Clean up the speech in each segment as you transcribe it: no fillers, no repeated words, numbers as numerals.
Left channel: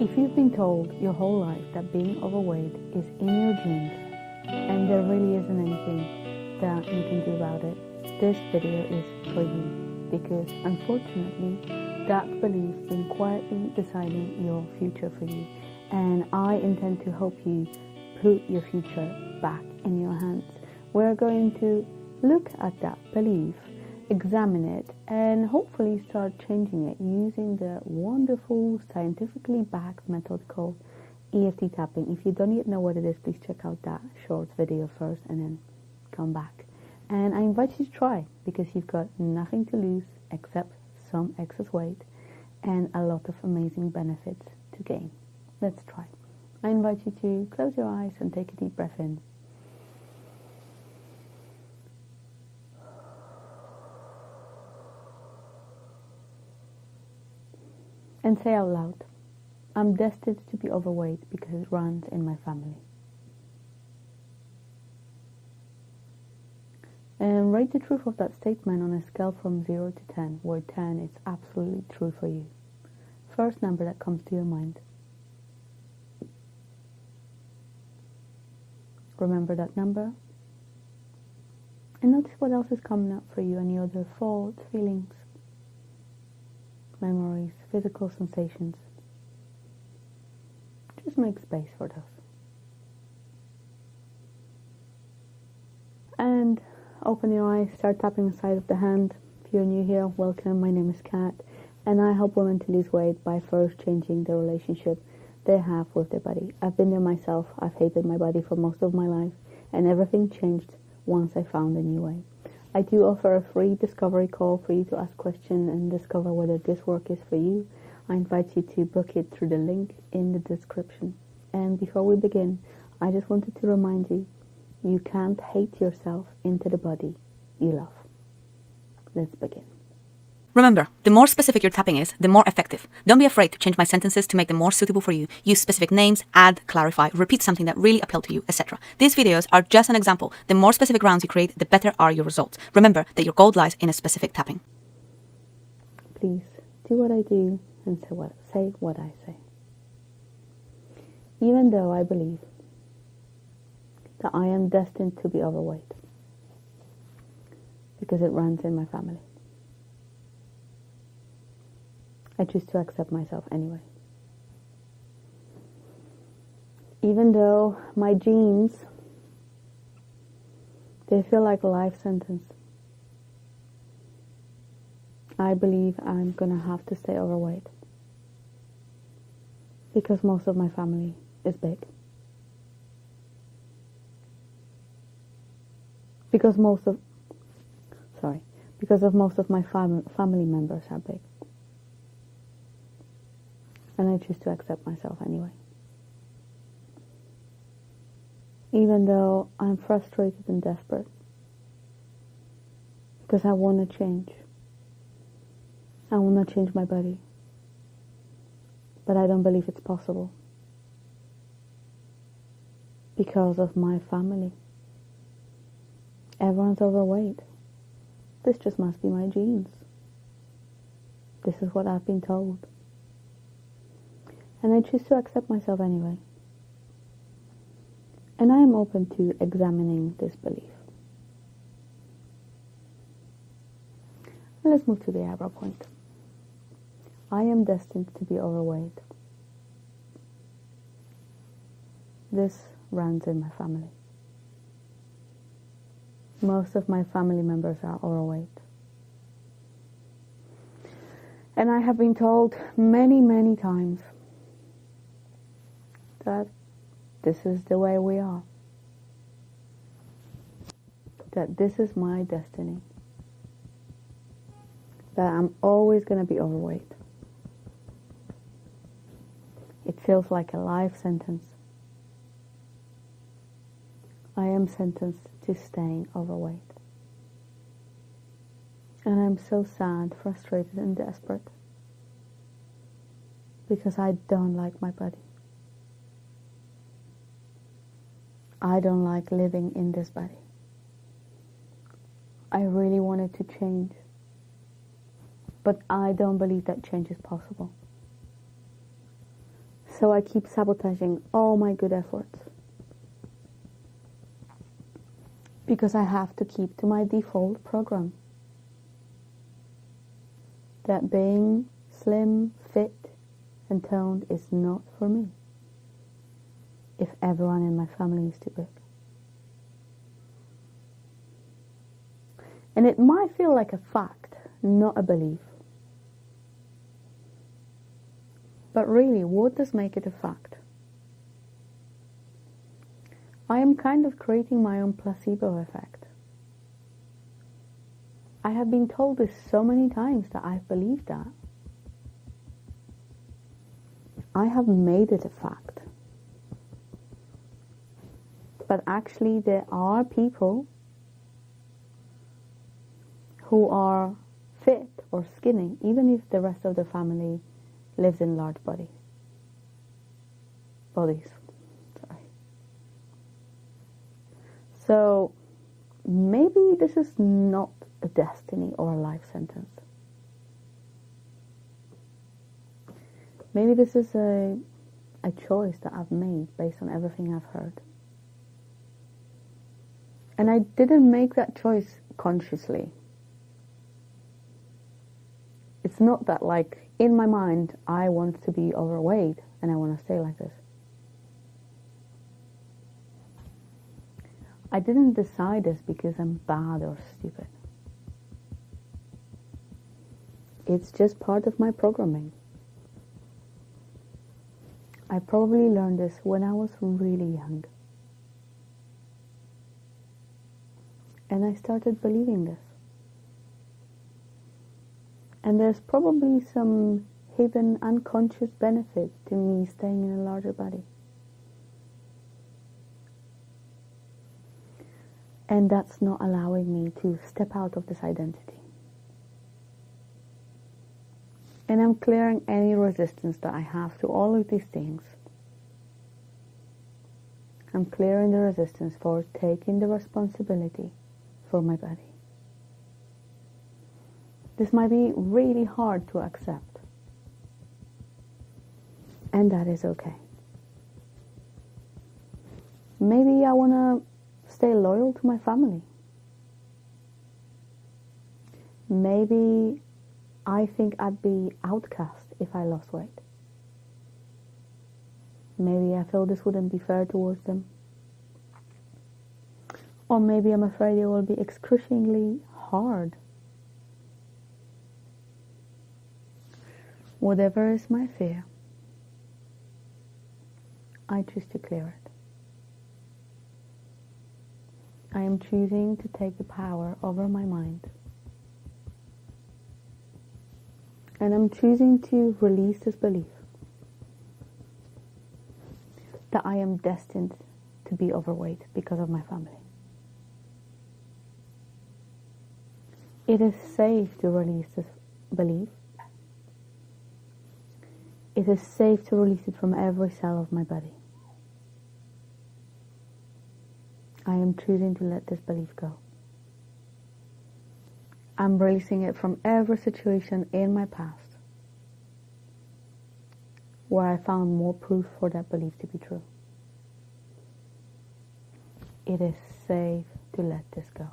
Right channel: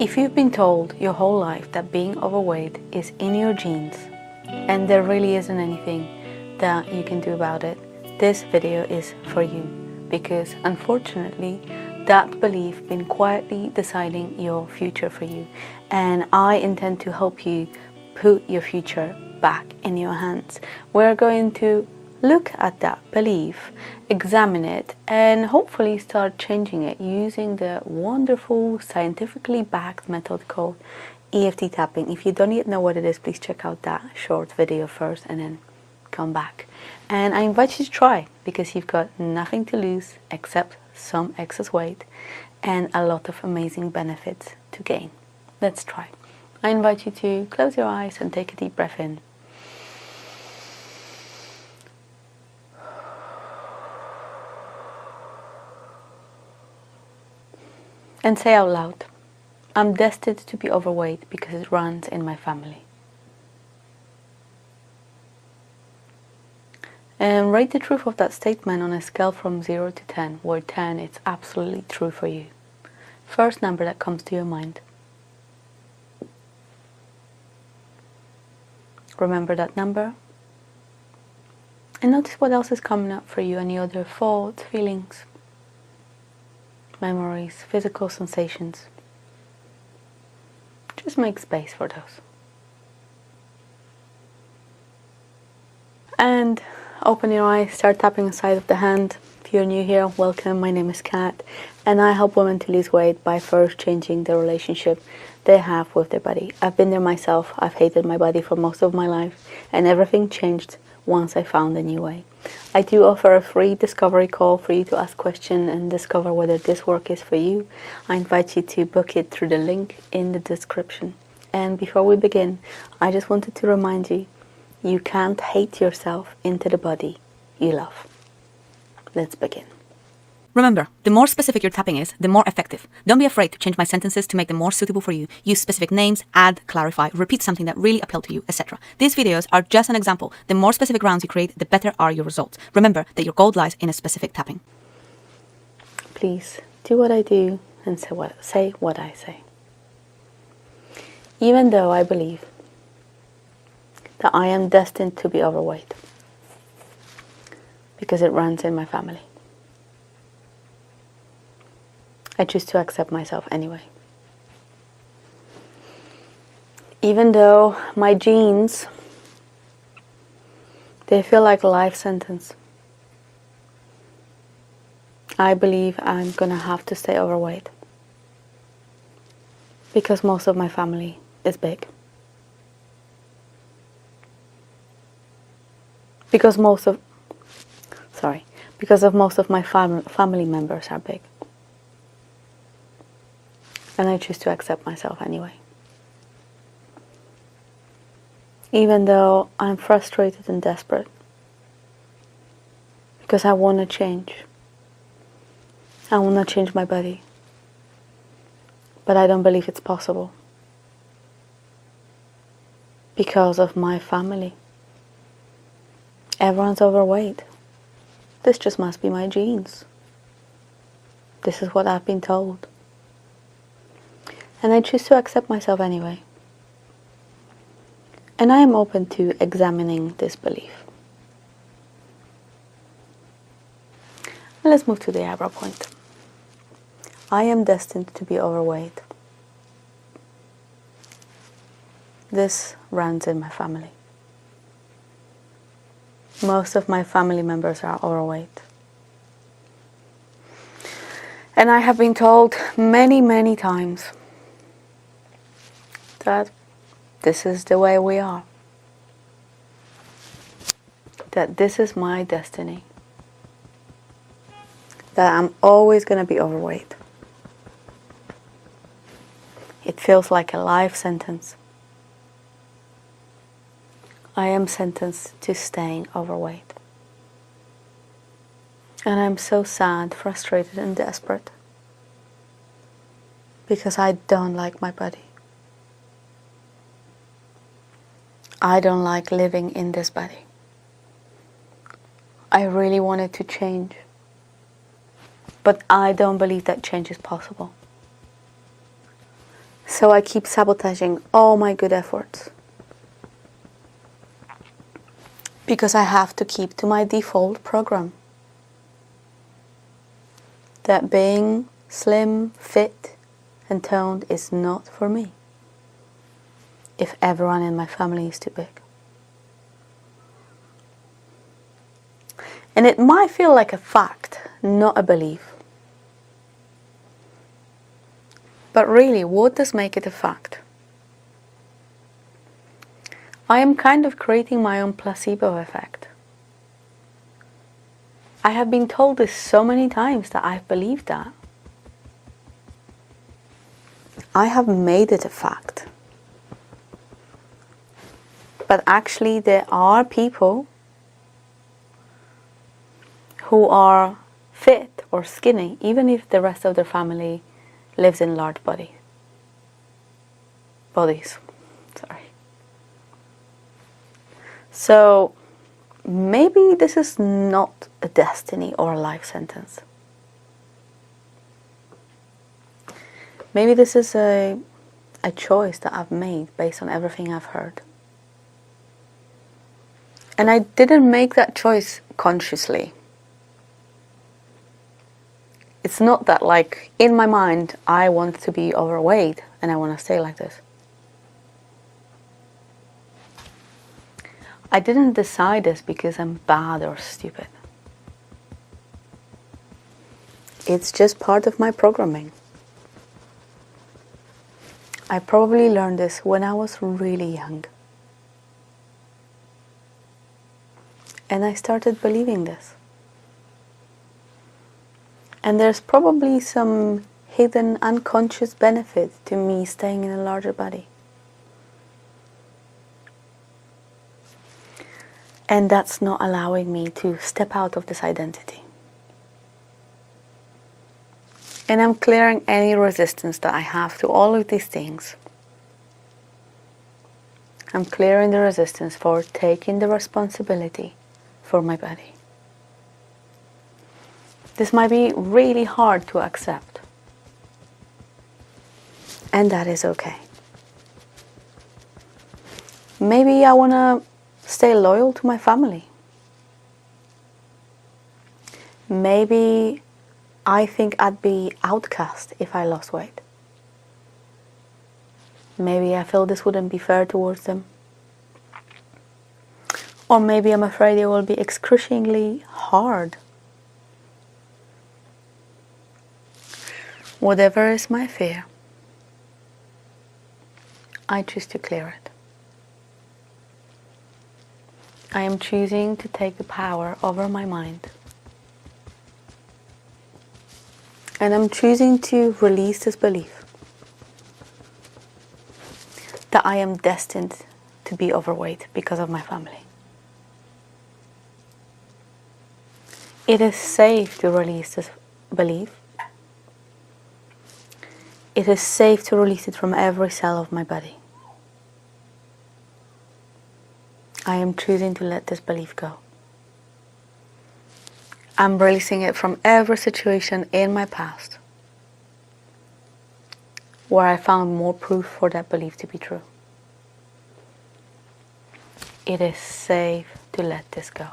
If you've been told your whole life that being overweight is in your genes and there really isn't anything that you can do about it, this video is for you, because unfortunately that belief been quietly deciding your future for you, and I intend to help you put your future back in your hands. We're going to look at that belief, examine it, and hopefully start changing it using the wonderful scientifically backed method called EFT Tapping. If you don't yet know what it is, please check out that short video first and then come back. And I invite you to try, because you've got nothing to lose except some excess weight and a lot of amazing benefits to gain. Let's try. I invite you to close your eyes and take a deep breath in. And say out loud, I'm destined to be overweight because it runs in my family. And rate the truth of that statement on a scale from 0 to 10, where 10 is absolutely true for you. First number that comes to your mind. Remember that number. And notice what else is coming up for you, any other thoughts, feelings, memories, physical sensations. Just make space for those. And open your eyes, start tapping the side of the hand. If you're new here, welcome. My name is Kat, and I help women to lose weight by first changing the relationship they have with their body. I've been there myself. I've hated my body for most of my life, and everything changed once I found a new way. I do offer a free discovery call for you to ask questions and discover whether this work is for you. I invite you to book it through the link in the description. And before we begin, I just wanted to remind you, you can't hate yourself into the body you love. Let's begin. Remember, the more specific your tapping is, the more effective. Don't be afraid to change my sentences to make them more suitable for you. Use specific names, add, clarify, repeat something that really appealed to you, etc. These videos are just an example. The more specific rounds you create, the better are your results. Remember that your gold lies in a specific tapping. Please do what I do and say what I say. Even though I believe that I am destined to be overweight because it runs in my family, I choose to accept myself anyway. Even though my genes, they feel like a life sentence, I believe I'm gonna have to stay overweight because most of my family is big. Because most of my family members are big. And I choose to accept myself anyway. Even though I'm frustrated and desperate, because I want to change. I want to change my body. But I don't believe it's possible because of my family. Everyone's overweight. This just must be my genes. This is what I've been told. And I choose to accept myself anyway. And I am open to examining this belief. Let's move to the eyebrow point. I am destined to be overweight. This runs in my family. Most of my family members are overweight. And I have been told many, many times that this is the way we are. That this is my destiny. That I'm always going to be overweight. It feels like a life sentence. I am sentenced to staying overweight. And I'm so sad, frustrated, and desperate because I don't like my body. I don't like living in this body. I really wanted to change, but I don't believe that change is possible. So I keep sabotaging all my good efforts. Because I have to keep to my default program. That being slim, fit, and toned is not for me. If everyone in my family is too big. And it might feel like a fact, not a belief. But really, what does make it a fact? I am kind of creating my own placebo effect. I have been told this so many times that I've believed that. I have made it a fact. But actually there are people who are fit or skinny, even if the rest of their family lives in large bodies. So maybe this is not a destiny or a life sentence. Maybe this is a choice that I've made based on everything I've heard. And I didn't make that choice consciously. It's not that, like, in my mind, I want to be overweight and I want to stay like this. I didn't decide this because I'm bad or stupid. It's just part of my programming. I probably learned this when I was really young. And I started believing this. And there's probably some hidden unconscious benefit to me staying in a larger body. And that's not allowing me to step out of this identity. And I'm clearing any resistance that I have to all of these things. I'm clearing the resistance for taking the responsibility for my body. This might be really hard to accept. And that is okay. Maybe I want to stay loyal to my family. Maybe I think I'd be outcast if I lost weight. Maybe I feel this wouldn't be fair towards them. Or maybe I'm afraid it will be excruciatingly hard. Whatever is my fear, I choose to clear it. I am choosing to take the power over my mind. And I'm choosing to release this belief that I am destined to be overweight because of my family. It is safe to release this belief. It is safe to release it from every cell of my body. I am choosing to let this belief go. I'm releasing it from every situation in my past where I found more proof for that belief to be true. It is safe to let this go.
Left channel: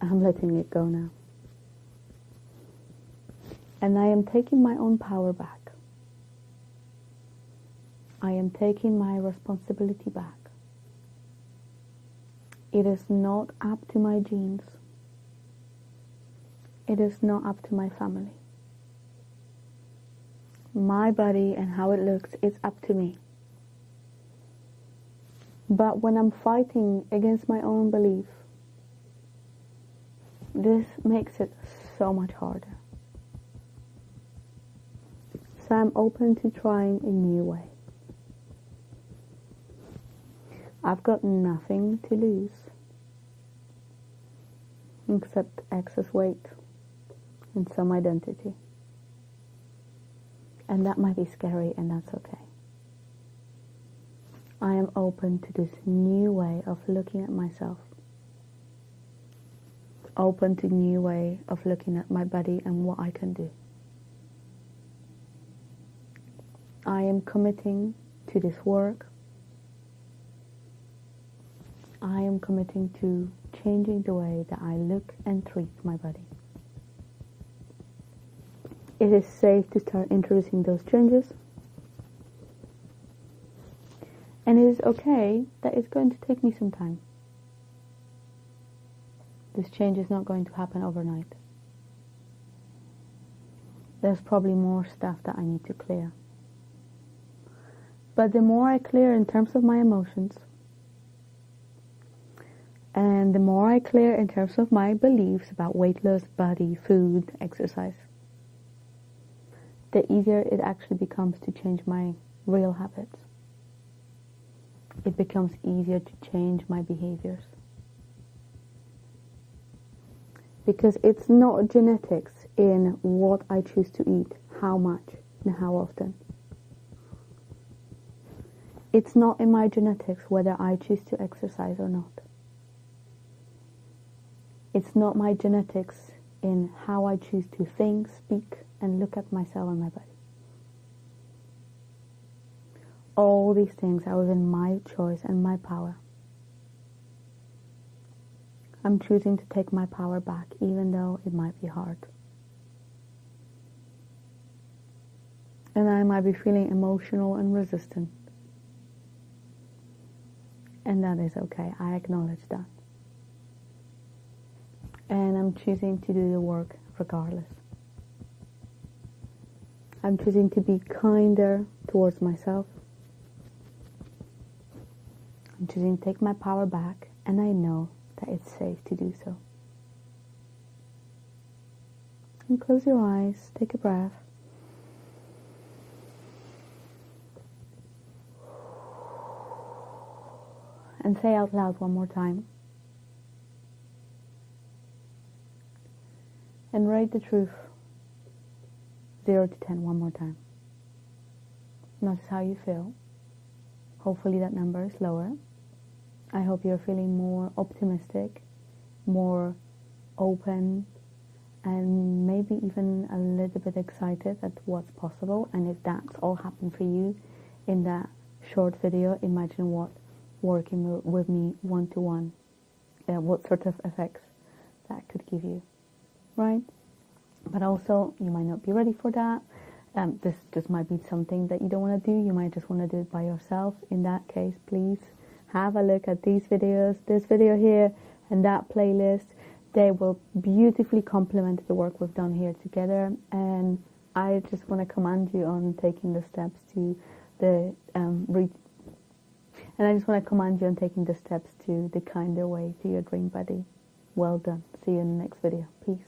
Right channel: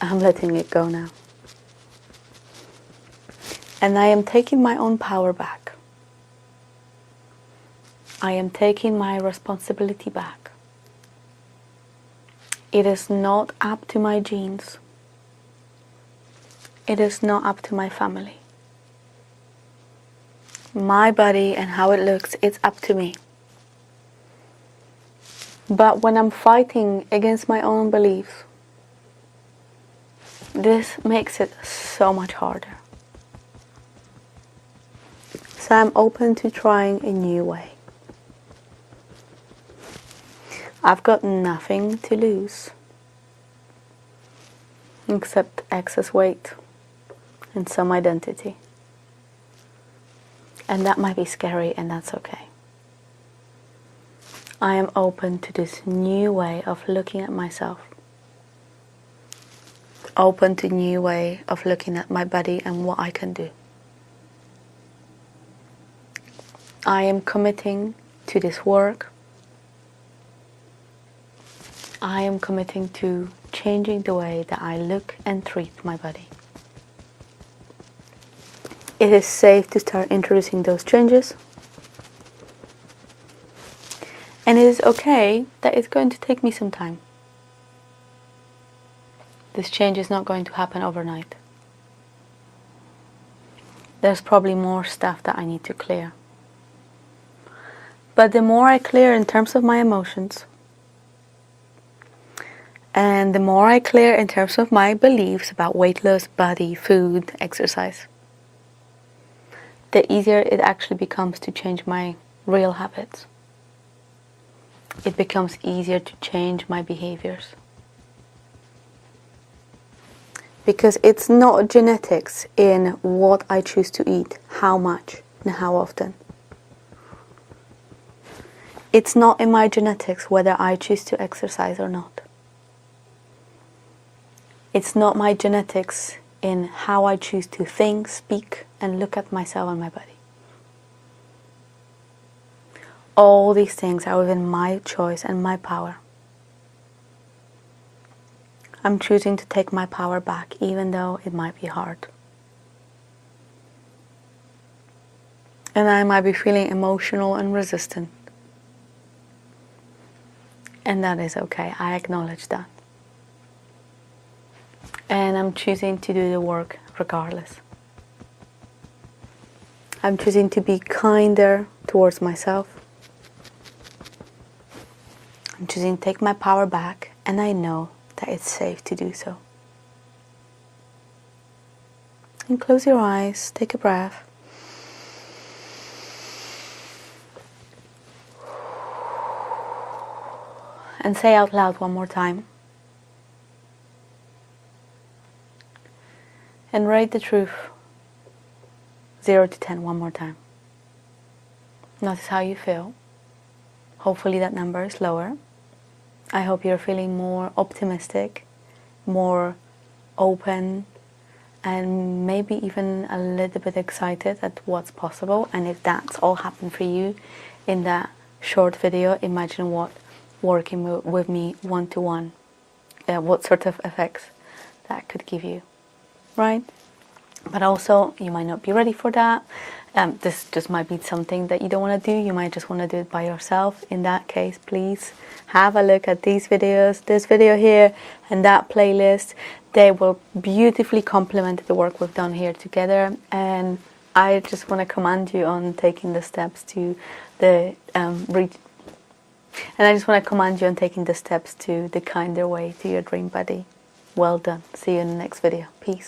I'm letting it go now. And I am taking my own power back. I am taking my responsibility back. It is not up to my genes. It is not up to my family. My body and how it looks, it's up to me. But when I'm fighting against my own beliefs, this makes it so much harder. So I'm open to trying a new way. I've got nothing to lose except excess weight and some identity. And that might be scary, and that's okay. I am open to this new way of looking at myself. Open to a new way of looking at my body and what I can do. I am committing to this work. I am committing to changing the way that I look and treat my body. It is safe to start introducing those changes. And it is okay that it's going to take me some time. This change is not going to happen overnight. There's probably more stuff that I need to clear. But the more I clear in terms of my emotions, and the more I clear in terms of my beliefs about weight loss, body, food, exercise, the easier it actually becomes to change my real habits. It becomes easier to change my behaviors. Because it's not genetics in what I choose to eat, how much, and how often. It's not in my genetics whether I choose to exercise or not. It's not my genetics in how I choose to think, speak, and look at myself and my body. All these things are within my choice and my power. I'm choosing to take my power back, even though it might be hard. And I might be feeling emotional and resistant. And that is okay. I acknowledge that. And I'm choosing to do the work regardless. I'm choosing to be kinder towards myself. I'm choosing to take my power back, and I know that it's safe to do so. And close your eyes, take a breath. And say out loud one more time. And rate the truth 0 to 10 one more time. Notice how you feel. Hopefully that number is lower. I hope you're feeling more optimistic, more open, and maybe even a little bit excited at what's possible. And if that's all happened for you in that short video, imagine what working with me one-to-one, what sort of effects that could give you, right? But also, you might not be ready for that. This just might be something that you don't want to do. You might just want to do it by yourself. In that case, please have a look at these videos, this video here, and that playlist. They will beautifully complement the work we've done here together. And I just want to commend you on taking the steps to the kinder way to your dream body. Well done. See you in the next video. Peace.